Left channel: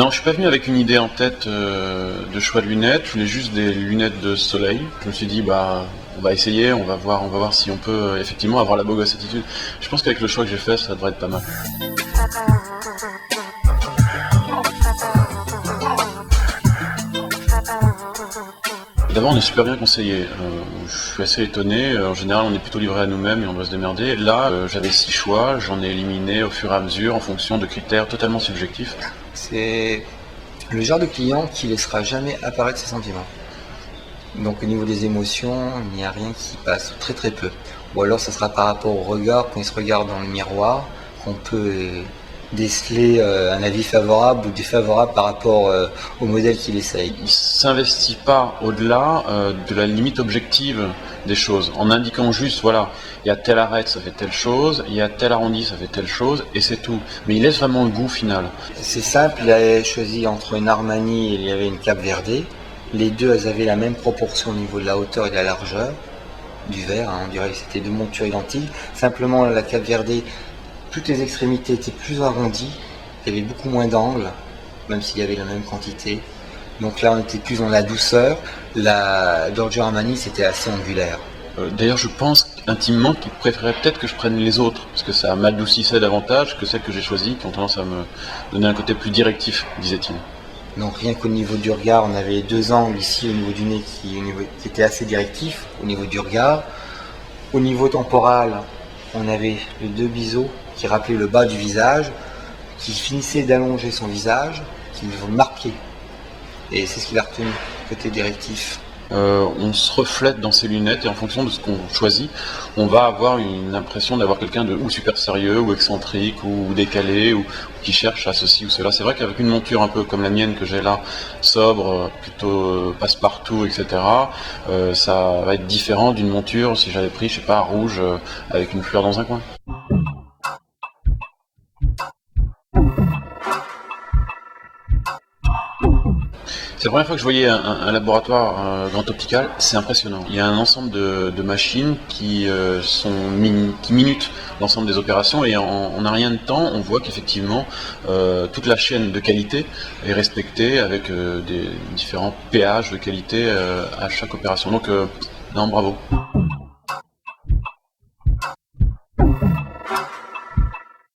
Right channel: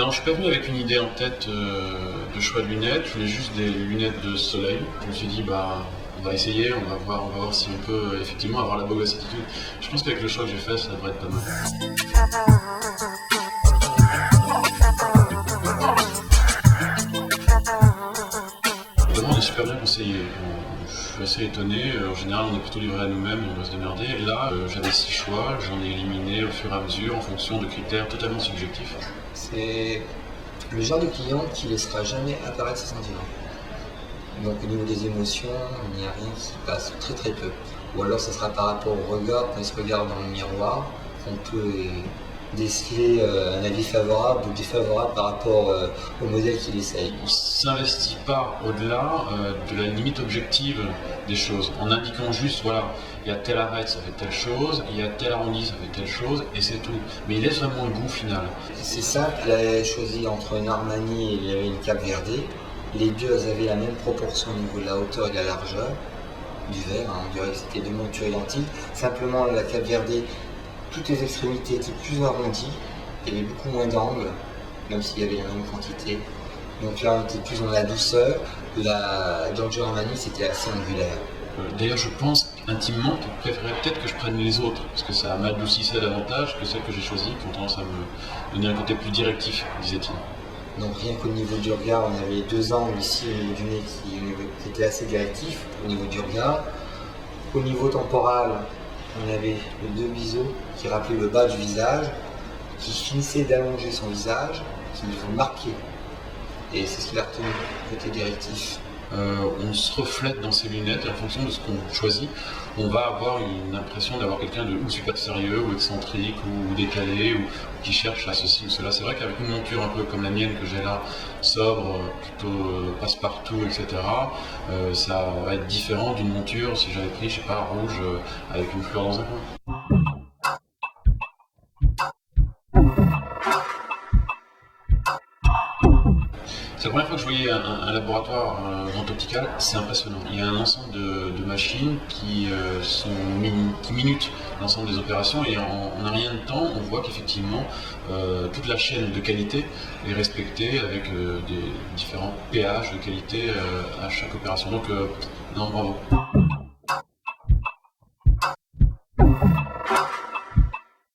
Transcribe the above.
Non, je suis pas venu avec une idée en tête de choix de lunettes. Je voulais juste des lunettes de soleil. Je me suis dit, bah, on va essayer, on va voir si on peut effectivement avoir la beau gosse attitude. Je pense qu'avec le choix que j'ai fait, ça devrait être pas mal. D'abord, on est super bien conseillé. Je suis assez étonné. En général, on est plutôt livré à nous-mêmes et on doit se démerder. Là, j'avais 6 choix. J'en ai éliminé au fur et à mesure en fonction de critères totalement subjectifs. C'est le genre de client qui laissera jamais apparaître ses sentiments. Donc au niveau des émotions, il n'y a rien qui passe, très très peu. Ou alors ça sera par rapport au regard, quand il se regarde dans le miroir, qu'on peut déceler un avis favorable ou défavorable par rapport au modèle qu'il essaye. Il s'investit pas au-delà de la limite objective des choses, en indiquant juste, voilà, il y a telle arête, ça fait telle chose, il y a tel arrondi, ça fait telle chose, et c'est tout. Mais il laisse vraiment le goût final. C'est simple, il a choisi entre une Armani et il y avait une Cape Verde. Les deux, elles avaient la même proportion au niveau de la hauteur et de la largeur du verre, hein. On dirait que c'était deux montures identiques. Simplement, la Cape Verde, toutes les extrémités étaient plus arrondies, il y avait beaucoup moins d'angles, même s'il y avait la même quantité. Donc là, on était plus dans la douceur. La Giorgio Armani, c'était assez angulaire. D'ailleurs, je pense intimement qu'il préférait peut-être que je prenne les autres, parce que ça m'adoucissait davantage que celles que j'ai choisies, qui ont tendance à me donner un côté plus directif, disait-il. Donc rien qu'au niveau du regard, on avait deux angles ici au niveau du nez qui étaient assez directifs au niveau du regard. Au niveau temporal, on avait les deux biseaux qui rappelaient le bas du visage, qui finissaient d'allonger son visage, qui nous marquaient. Et c'est ce qu'il a retenu, côté directif. On se reflète dans ses lunettes et en fonction de ce qu'on choisit, on va avoir une impression d'avoir quelqu'un de ou super sérieux, ou excentrique, ou décalé, ou qui cherche à ceci ou cela. C'est vrai qu'avec une monture un peu comme la mienne que j'ai là, sobre, plutôt passe-partout, etc., ça va être différent d'une monture si j'avais pris, je sais pas, rouge avec une fleur dans un coin. C'est la première fois que je voyais un laboratoire Grand Optical, c'est impressionnant. Il y a un ensemble de machines qui minutent l'ensemble des opérations et en un rien de temps, on voit qu'effectivement toute la chaîne de qualité est respectée avec des différents péages de qualité à chaque opération. Donc non, bravo.